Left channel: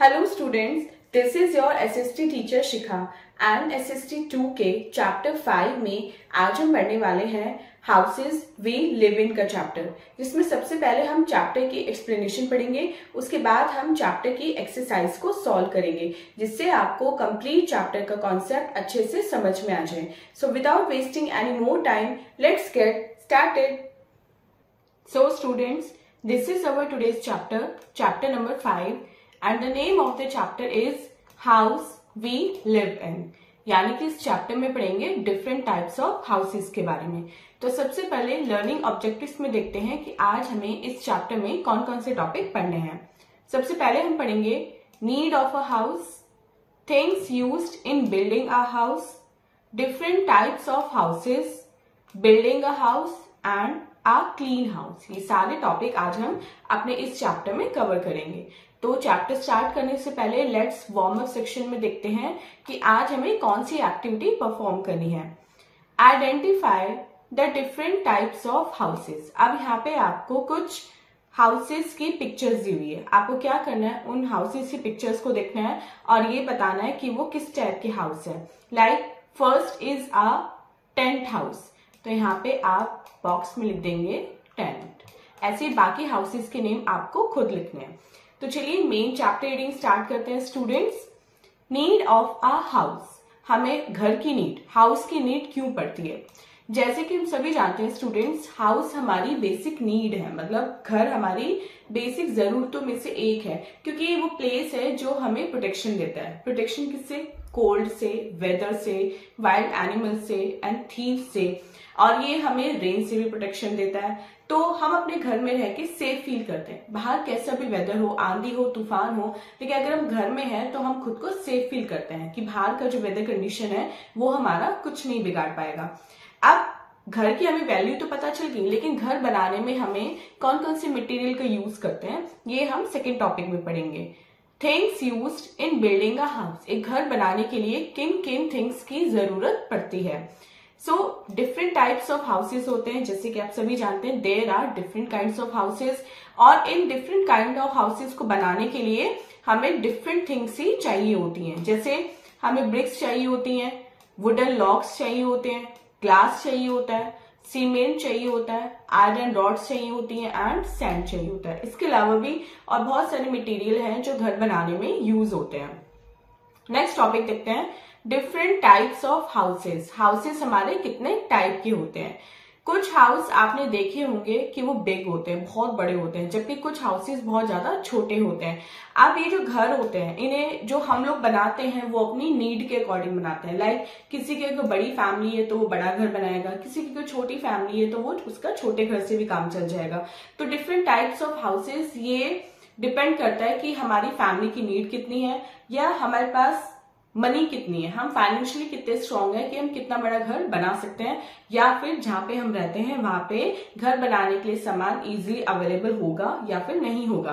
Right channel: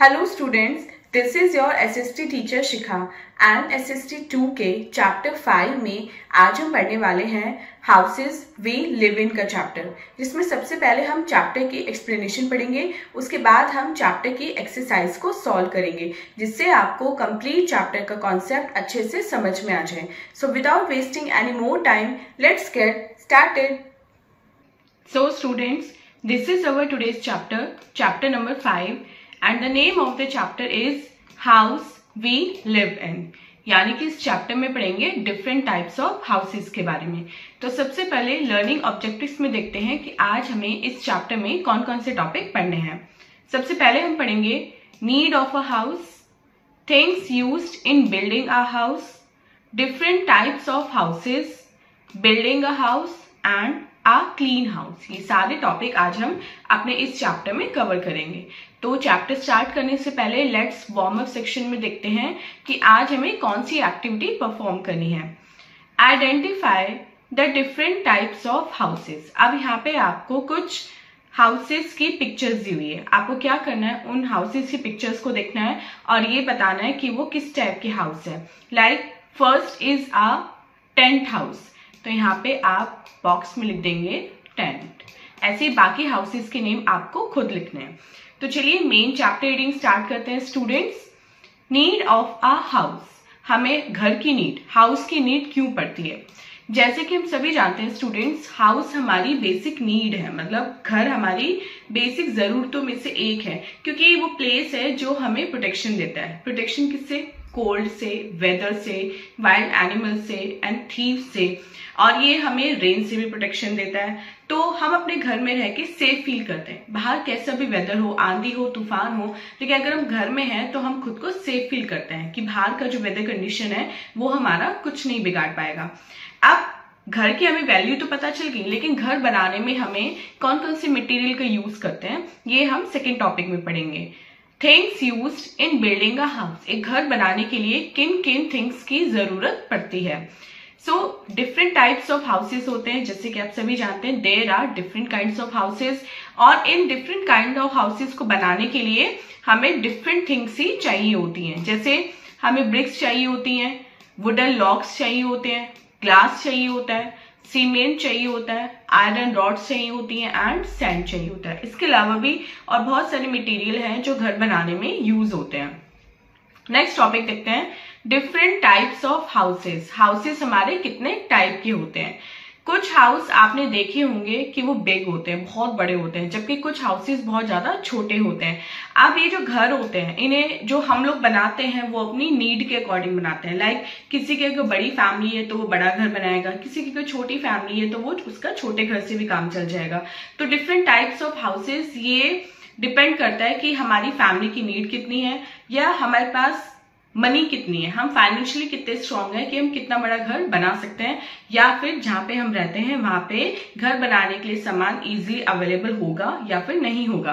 Hello students, this is your SST teacher Shikha and SST 2 के chapter 5 में आज हम पढ़ने वाले हैं हाउसेज वी लिव इन का चैप्टर, जिसमें सबसे पहले हम चैप्टर की एक्सप्लेनेशन पढ़ेंगे। उसके बाद हम चैप्टर की एक्सरसाइज को सॉल्व करेंगे, जिससे आपको कंप्लीट चैप्टर का कॉन्सेप्ट अच्छे से समझ में आ जाए। So without wasting any more time, let's get started. So students, this is our today's chapter number 5, and the name of the chapter is house we live in। यानी कि इस chapter में पढ़ेंगे डिफरेंट टाइप्स ऑफ हाउसेस के बारे में। तो सबसे पहले लर्निंग ऑब्जेक्टिव्स में देखते हैं कि आज हमें इस चैप्टर में कौन कौन से टॉपिक पढ़ने हैं। सबसे पहले हम पढ़ेंगे need of a house, things used in building a house, different types of houses, building a house and a clean house. ये सारे टॉपिक आज हम अपने इस चैप्टर में कवर करेंगे। तो चैप्टर स्टार्ट करने से पहले लेट्स वार्म अप सेक्शन में देखते हैं कि आज हमें कौन सी एक्टिविटी परफॉर्म करनी है। Identify the different types of houses. अब यहाँ पे आपको कुछ हाउसेस की पिक्चर्स दी हुई है। आपको क्या करना है, उन हाउसेस की पिक्चर्स को देखना है और ये बताना है कि वो किस टाइप के हाउस है। Like first is a tent house, तो यहाँ पे आप बॉक्स में लिख देंगे टेंट। ऐसे ही बाकी हाउसेस के नेम आपको खुद लिखने हैं। तो चलिए मेन चैप्टर रीडिंग स्टार्ट करते हैं students. Need of a house, हमें घर की नीड, हाउस की नीड क्यों पड़ती है। जैसे कि हम सभी जानते हैं स्टूडेंट्स, हाउस हमारी बेसिक नीड है, मतलब घर हमारी बेसिक जरूरतों में से एक है, क्योंकि वो प्लेस है जो हमें प्रोटेक्शन देता है। प्रोटेक्शन किससे? कोल्ड से, वेदर से, वाइल्ड एनिमल से एंड थीव से, और ये हमें रेन से भी प्रोटेक्शन देता है। तो हम अपने घर में रह के सेफ फील करते हैं। बाहर कैसा भी वेदर हो, आंधी हो, तूफान हो, लेकिन अगर हम घर में हैं तो हम खुद को सेफ फील करते हैं कि बाहर का जो वेदर कंडीशन है वो हमारा कुछ नहीं बिगाड़ पाएगा। अब घर की हमें वैल्यू तो पता चल गई, लेकिन घर बनाने में हमें कौन कौन से मटेरियल का यूज करते हैं ये हम सेकेंड टॉपिक में पढ़ेंगे। Things used in building a house, एक घर बनाने के लिए किन किन थिंग्स की जरूरत पड़ती है। So different types of houses होते हैं, जैसे कि आप सभी जानते हैं there are different kinds of houses, और इन डिफरेंट काइंड ऑफ हाउसेस को बनाने के लिए हमें डिफरेंट थिंग्स ही चाहिए होती हैं। जैसे हमें ब्रिक्स चाहिए होती हैं, वुडन लॉक्स चाहिए होते हैं, ग्लास चाहिए होता है, सीमेंट चाहिए होता है, आयरन रॉड्स चाहिए होती हैं एंड सैंड चाहिए होता है। इसके अलावा भी और बहुत सारे मटेरियल हैं जो घर बनाने में यूज होते हैं। नेक्स्ट टॉपिक देखते हैं, different types of houses. Houses हमारे कितने टाइप के होते हैं। कुछ हाउस आपने देखे होंगे कि वो बिग होते हैं, बहुत बड़े होते हैं, जबकि कुछ हाउसेस बहुत ज्यादा छोटे होते हैं। अब ये जो घर होते हैं, इन्हें जो हम लोग बनाते हैं वो अपनी नीड के अकॉर्डिंग बनाते हैं। लाइक किसी की अगर बड़ी फैमिली है तो वो बड़ा घर बनाएगा, किसी की कोई छोटी फैमिली है तो वो उसका छोटे घर से भी काम चल जाएगा। तो डिफरेंट टाइप्स ऑफ हाउसेस, ये डिपेंड करता है कि हमारी फैमिली की नीड कितनी है या हमारे पास मनी कितनी है, हम फाइनेंशियली कितने स्ट्रांग है कि हम कितना बड़ा घर बना सकते हैं, या फिर जहां पे हम रहते हैं वहां पे घर बनाने के लिए सामान इजीली अवेलेबल होगा या फिर नहीं होगा।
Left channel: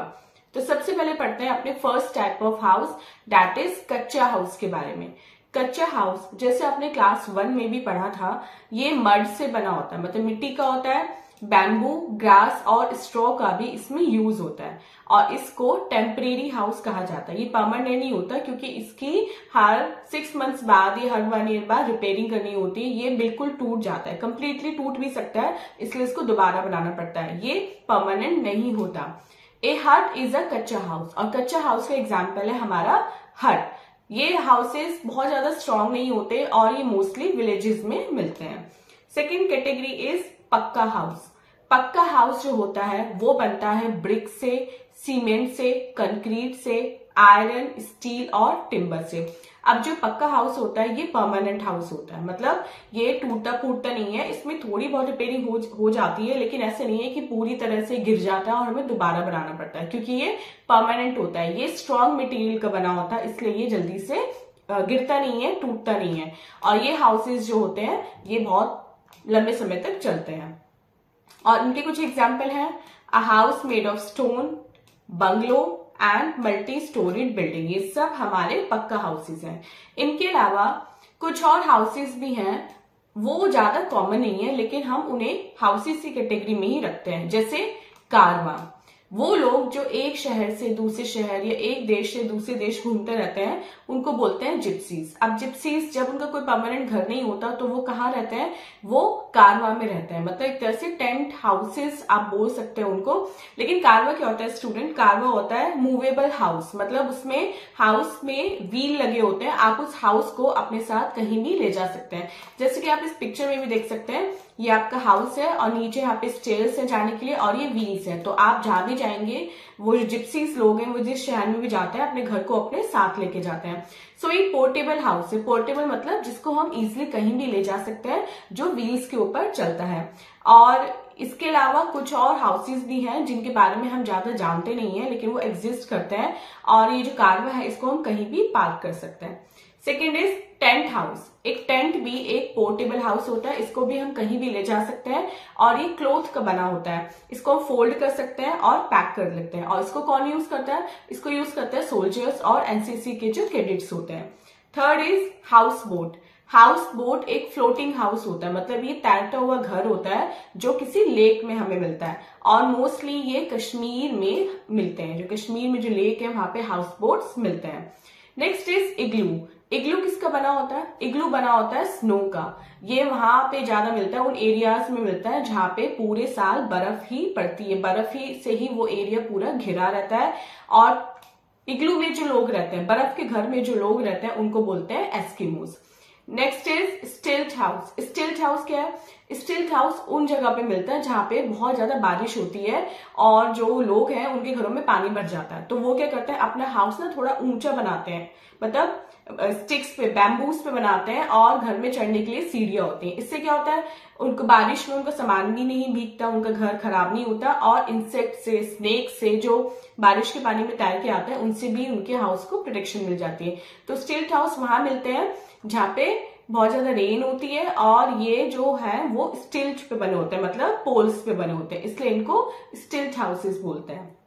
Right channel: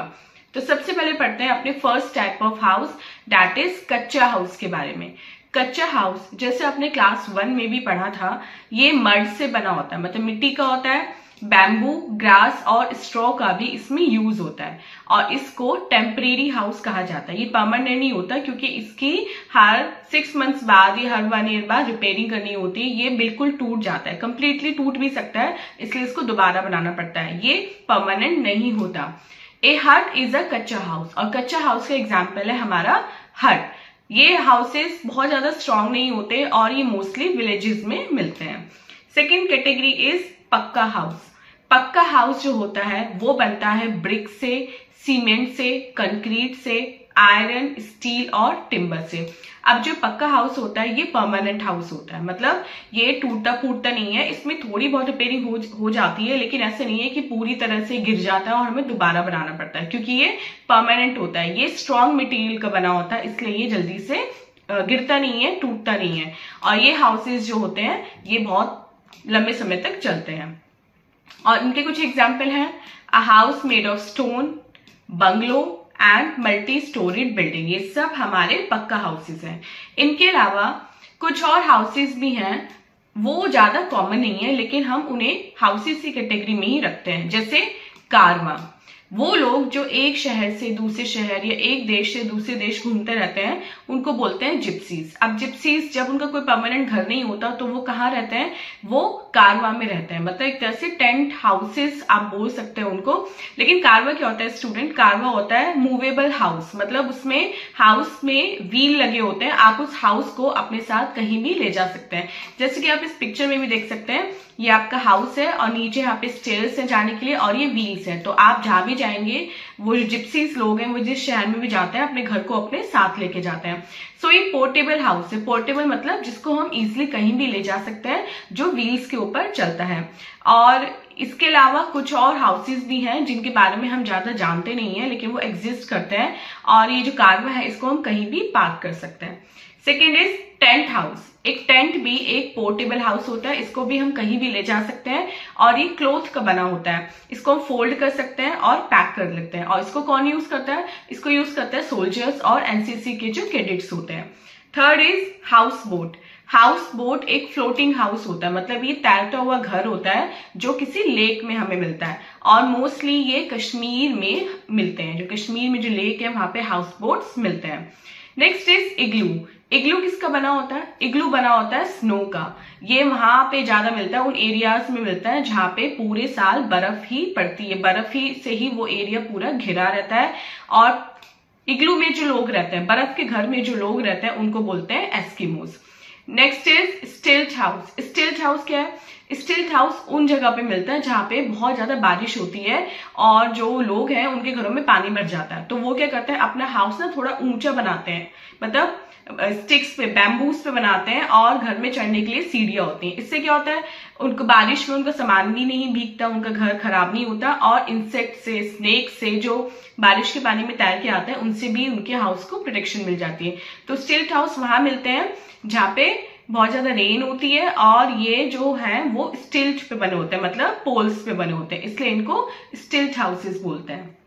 तो सबसे पहले पढ़ते हैं अपने first type of house, that is कच्चा हाउस के बारे में। कच्चा हाउस जैसे आपने क्लास 1 में भी पढ़ा था, ये मड से बना होता है, मतलब मिट्टी का होता है। बैम्बू, ग्रास और स्ट्रॉ का भी इसमें यूज होता है, और इसको टेम्परेरी हाउस कहा जाता है। ये परमानेंट नहीं होता, क्योंकि इसकी हर 6 मंथ्स बाद या हर 1 ईयर बाद रिपेयरिंग करनी होती है। ये बिल्कुल टूट जाता है, कंप्लीटली टूट भी सकता है, इसलिए इसको दोबारा बनाना पड़ता है, ये परमानेंट नहीं होता। ए हट इज अ कच्चा हाउस, और कच्चा हाउस का एग्जाम्पल है हमारा हट। ये हाउसेस बहुत ज्यादा स्ट्रांग नहीं होते और ये मोस्टली विलेजेस में मिलते हैं। सेकेंड कैटेगरी इज पक्का हाउस। पक्का हाउस जो होता है वो बनता है ब्रिक से, सीमेंट से, कंक्रीट से, आयरन, स्टील और टिम्बर से। अब जो पक्का हाउस होता है ये परमानेंट हाउस होता है, मतलब ये टूटता फूटता नहीं है, इसमें थोड़ी बहुत रिपेयरिंग हो जाती है, लेकिन ऐसे नहीं है कि पूरी तरह से गिर जाता है और हमें दोबारा बनाना पड़ता है, क्योंकि ये परमानेंट होता है, ये स्ट्रॉन्ग मटेरियल का बना होता है, इसलिए ये जल्दी से गिरता नहीं है, टूटता नहीं है, और ये हाउसेज जो होते हैं ये बहुत लंबे समय तक चलते हैं। और इनके कुछ एग्जाम्पल हैं, a house made of stone, bungalow and multi storeyed building. ये सब हमारे पक्का हाउसेस हैं। इनके अलावा कुछ और हाउसेस भी हैं, वो ज्यादा कॉमन नहीं है, लेकिन हम उन्हें हाउसेस की कैटेगरी में ही रखते हैं, जैसे कारवा। वो लोग जो एक शहर से दूसरे शहर या एक देश से दूसरे देश घूमते रहते हैं उनको बोलते हैं जिप्सीज। अब जिप्सीज जब उनका कोई परमानेंट घर नहीं होता तो वो कहाँ रहते हैं, वो कारवा में रहते हैं, मतलब एक तरह से टेंट हाउसेस आप बोल सकते हैं उनको। लेकिन कारवा क्या होता है स्टूडेंट, कारवा होता है मूवेबल हाउस, मतलब उसमें हाउस में व्हील लगे होते हैं, आप उस हाउस को अपने साथ कहीं भी ले जा सकते हैं। जैसे कि आप इस पिक्चर में भी देख सकते हैं, ये आपका हाउस है और नीचे यहाँ पे स्टेयर्स है जाने के लिए और ये व्हील्स है। तो आप जहां भी जाएंगे, वो जो जिप्सीज लोग हैं वो जिस शहर में भी जाते हैं अपने घर को अपने साथ लेके जाते हैं। सो ये पोर्टेबल हाउस है। पोर्टेबल मतलब जिसको हम इजिली कहीं भी ले जा सकते हैं, जो व्हील्स के ऊपर चलता है। और इसके अलावा कुछ और हाउसेस भी हैं जिनके बारे में हम ज्यादा जानते नहीं है, लेकिन वो एग्जिस्ट करते हैं और ये जो कारवा है इसको हम कहीं भी पार्क कर सकते हैं। Second is tent house. एक टेंट भी एक पोर्टेबल हाउस होता है, इसको भी हम कहीं भी ले जा सकते हैं और ये क्लॉथ का बना होता है। इसको हम फोल्ड कर सकते हैं और पैक कर लेते हैं। और इसको कौन यूज करता है, इसको यूज करते हैं सोल्जर्स और एनसीसी के जो कैडेट्स होते हैं। Third is house boat. House boat एक फ्लोटिंग हाउस होता है, मतलब ये तैरता हुआ घर होता है जो किसी लेक में हमें मिलता है और मोस्टली ये कश्मीर में मिलते हैं। जो कश्मीर में जो लेक है वहां पे हाउस बोट्स मिलते हैं। नेक्स्ट इज इग्लू। इग्लू किसका बना होता है, इग्लू बना होता है स्नो का। ये वहां पे ज्यादा मिलता है, उन एरियाज में मिलता है जहां पे पूरे साल बर्फ ही पड़ती है, बर्फ ही से ही वो एरिया पूरा घिरा रहता है। और इग्लू में जो लोग रहते हैं, बर्फ के घर में जो लोग रहते हैं उनको बोलते हैं एस्किमोस। नेक्स्ट इज स्टिल्ट हाउस। स्टिल्ट हाउस क्या है, स्टिल्ट हाउस उन जगह पे मिलता है जहां पे बहुत ज्यादा बारिश होती है और जो लोग हैं उनके घरों में पानी भर जाता है। तो वो क्या करते हैं, अपना हाउस ना थोड़ा ऊंचा बनाते हैं, मतलब स्टिक्स पे, बैम्बूस पे बनाते हैं और घर में चढ़ने के लिए सीढ़ियां होती हैं। इससे क्या होता है, उनको बारिश में उनका सामान भी नहीं भीगता, उनका घर खराब नहीं होता और इंसेक्ट से, स्नेक से जो बारिश के पानी में तैर के आते हैं उनसे भी उनके हाउस को प्रोटेक्शन मिल जाती है। तो स्टिल्ट हाउस वहां मिलते हैं जहाँ पे बहुत ज्यादा रेन होती है और ये जो है वो स्टिल्ट पे बने होते हैं, मतलब पोल्स पे बने होते हैं, इसलिए इनको स्टिल्ट हाउसेस बोलते हैं।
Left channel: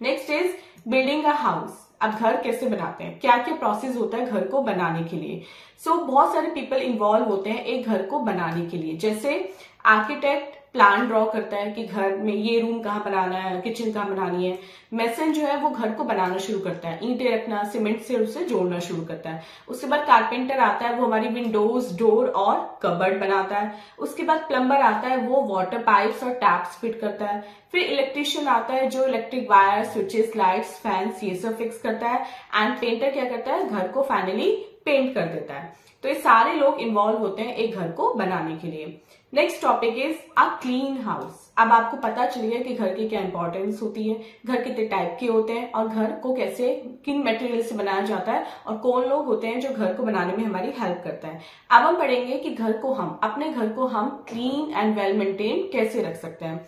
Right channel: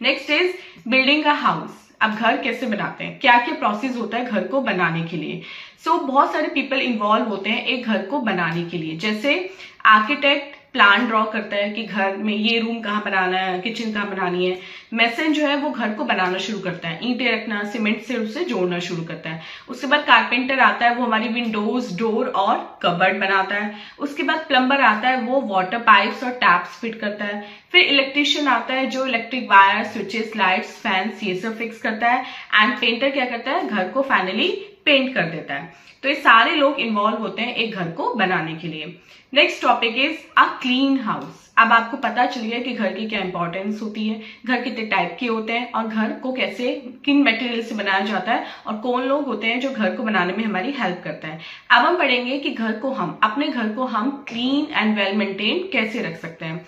Next is building a house. अब घर कैसे बनाते हैं, क्या क्या प्रोसेस होता है घर को बनाने के लिए। सो बहुत सारे पीपल इन्वॉल्व होते हैं एक घर को बनाने के लिए। जैसे आर्किटेक्ट प्लान ड्रॉ करता है कि घर में ये रूम कहाँ बनाना है, किचन कहाँ बनानी है। मेसन जो है वो घर को बनाना शुरू करता है, ईंटें रखना, सीमेंट से उसे जोड़ना शुरू करता है। उसके बाद कारपेंटर आता है, वो हमारी विंडोज, डोर और कबर्ड बनाता है। उसके बाद प्लम्बर आता है, वो वाटर पाइप्स और टैप्स फिट करता है। फिर इलेक्ट्रिशियन आता है जो electric wire, switches, lights, fans ये सब फिक्स करता है। एंड पेंटर क्या करता है, घर को फाइनली पेंट कर देता है। तो ये सारे लोग इन्वॉल्व होते हैं एक घर को बनाने के लिए। Next topic is a clean house. अब आपको पता चल गया कि घर की क्या इंपॉर्टेंस होती है, घर कितने टाइप के होते हैं और घर को कैसे, किन मटेरियल से बनाया जाता है और कौन लोग होते हैं जो घर को बनाने में हमारी हेल्प करता है। अब हम पढ़ेंगे कि घर को हम, अपने घर को हम क्लीन एंड वेल मेंटेन कैसे रख सकते हैं।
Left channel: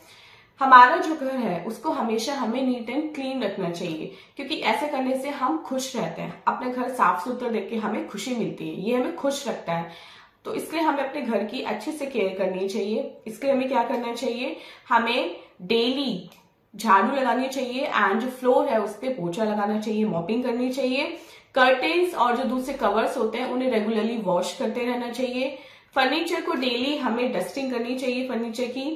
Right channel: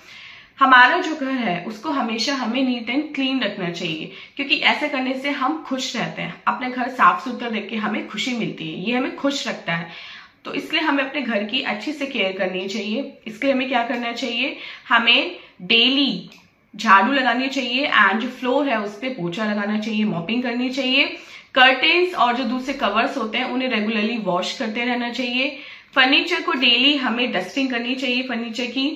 हमारा जो घर है उसको हमेशा हमें नीट एंड क्लीन रखना चाहिए, क्योंकि ऐसे करने से हम खुश रहते हैं। अपने घर साफ सुथरा देख के हमें खुशी मिलती है, ये हमें खुश रखता है। तो इसलिए हमें अपने घर की अच्छे से केयर करनी चाहिए। इसके लिए हमें क्या करना चाहिए, हमें डेली झाड़ू लगानी चाहिए एंड जो फ्लोर है उस पर पोछा लगाना चाहिए, मॉपिंग करनी चाहिए। कर्टेन्स और जो दूसरे कवर्स होते हैं उन्हें रेगुलरली वॉश करते रहना चाहिए। फर्नीचर को डेली हमें डस्टिंग करनी चाहिए फर्नीचर की।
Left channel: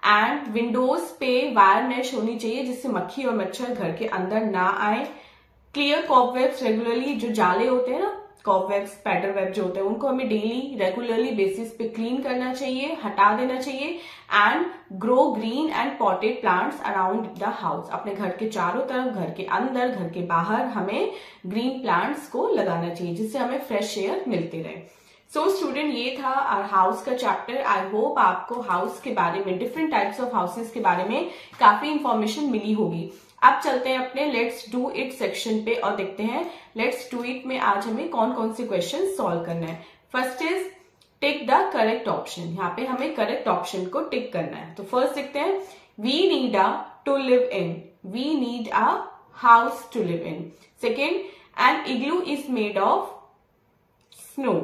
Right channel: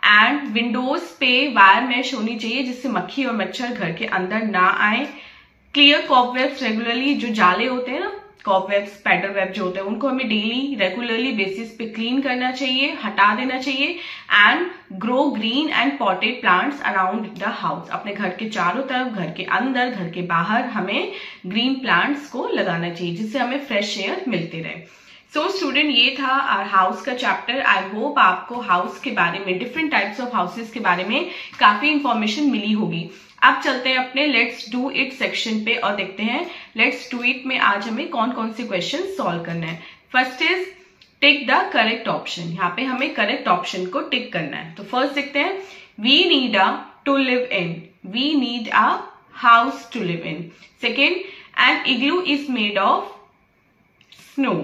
एंड विंडोज पे वायर मैश होनी चाहिए जिससे मक्खी और मच्छर घर के अंदर ना आए। क्लियर कॉबवेब्स रेगुलरली, जो जाले होते हैं ना, कॉबवेब्स, स्पाइडर वेब जो होते हैं, उनको हमें डेली रेगुलरली बेसिस पे क्लीन करना चाहिए, हटा देना चाहिए। And grow green and potted plants around the house. अपने घर के चारों तरफ, घर के अंदर, घर के बाहर हमें ग्रीन प्लांट्स को लगाना चाहिए जिससे हमें फ्रेश एयर मिलते रहे। सो स्टूडेंट, ये था हाउस का चैप्टर। आई होप आपको हाउस के बारे में, डिफरेंट टाइप्स ऑफ हाउसेस के बारे में काफी इंफॉर्मेशन मिली होगी। अब चलते हैं अपने लेट्स डू इट सेक्शन पे और देखते हैं लेट्स डू इट में आज हमें कौन कौन से क्वेश्चन सॉल्व करना है। First is tick the correct option. यहाँ पे हमें करेक्ट ऑप्शन को टिक करना है। तो फर्स्ट देखते हैं, we need a to live in, we need a house to live in. Second, an igloo is made of snow.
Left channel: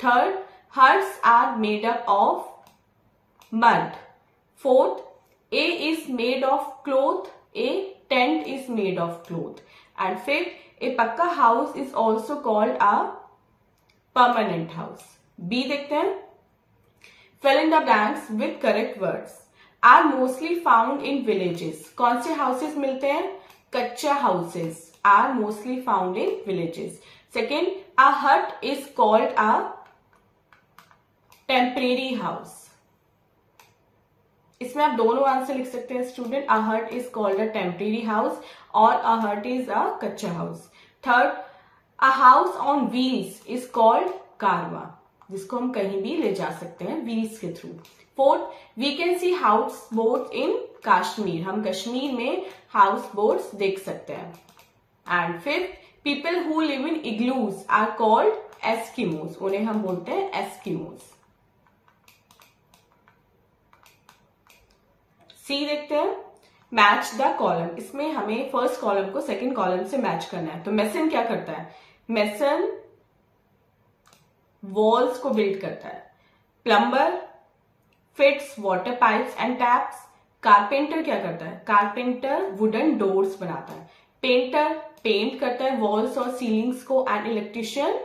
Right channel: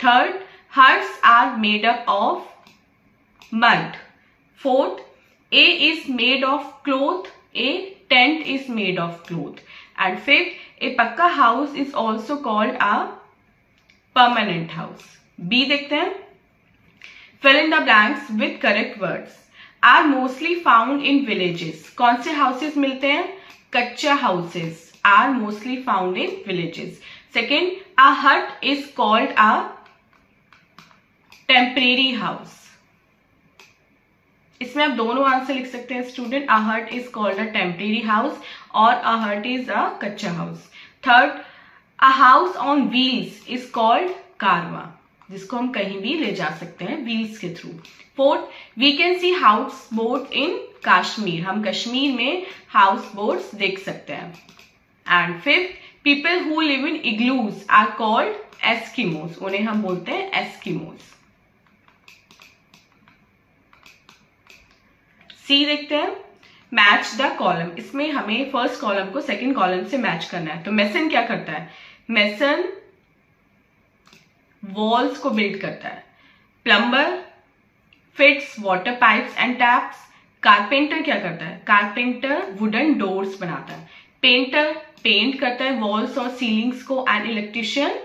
Third, huts are made up of mud. Fourth, A is made of cloth, a tent is made of cloth. And fifth, a pakka house is also called a permanent house. B देखते हैं, fill in the blanks with correct words. Are mostly found in villages. कौन से houses मिलते हैं? Kachcha houses are mostly found in villages. Second, a hut is called a temporary house. इसमें आप दोनों answer लिख सकते हैं student, a hut is called a temporary house और अ हट इज अ कच्चा house. Third, a house on wheels is called कारवा, जिसको हम कहीं भी ले जा सकते हैं व्हील्स के through. Fourth, we can see house boat in Kashmir, हम कश्मीर में हाउस बोट्स देख सकते हैं। And fifth, people who live in igloos are called Eskimos, उन्हें हम बोलते हैं एस्किमोस। सी देखते हैं, मैच द कॉलम। इसमें हमें फर्स्ट कॉलम को सेकंड कॉलम से मैच करना है। तो मेसन क्या करता है? मेसन वॉल्स को बिल्ड करता है। Plumber fits water pipes and taps. Carpenter क्या करता है? कारपेंटर वुडन डोर्स बनाता है। पेंटर पेंट करता है वॉल्स और सीलिंग्स को। एंड इलेक्ट्रिशियन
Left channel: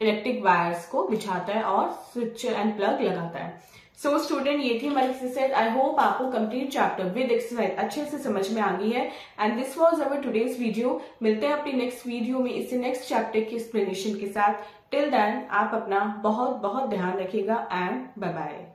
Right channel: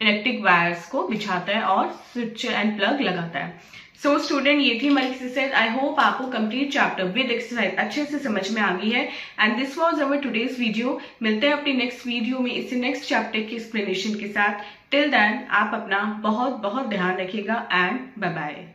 इलेक्ट्रिक वायर्स को बिछाता है और स्विच एंड प्लग लगाता है। सो स्टूडेंट, ये थी हमारी एक्सरसाइज। आई होप आपको कंप्लीट चैप्टर विद एक्सरसाइज अच्छे से समझ में आ गई है। And this was our today's video. मिलते हैं अपनी नेक्स्ट वीडियो में इसी नेक्स्ट चैप्टर की एक्सप्लेनेशन के साथ। टिल देन आप अपना बहुत बहुत ध्यान रखिएगा एंड बाय बाय।